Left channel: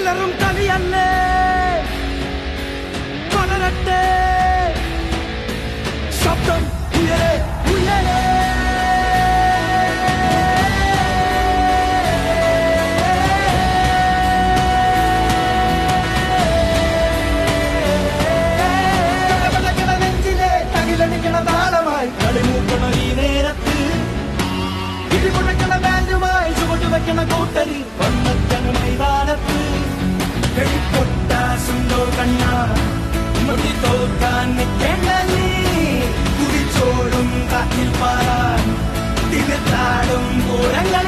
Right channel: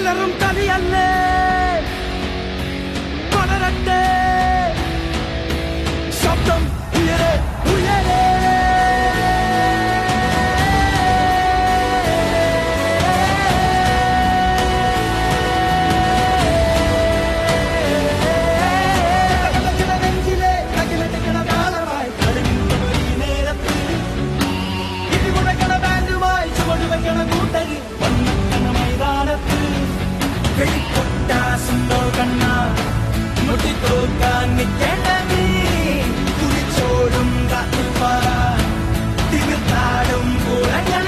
അലറും കളിയല്ലേ പടരട്ടെ ശബ്ദം ഉയരെ ഉയരെ നെഞ്ചിലെ തകിലടിക്കണ താളമായി കളിമൂക്കണ ഈ നേരത്ത് ഇടിമുടക്കണ ബാൻഡുമായി ചുവടുവെക്കണ കൂട്ടരി ഒന്നക്കണ മൈതാനത്ത് വെടിപ്പൊട്ടാസുണ്ടോ കണ്ണ മുട്ടിത്തോക്കാൻ നിൽക്കേണ്ട നീ കുടിച്ചോടും കാറ്റിൽ പാറാൻ തിമിർത്താടും പൂരങ്ങൾ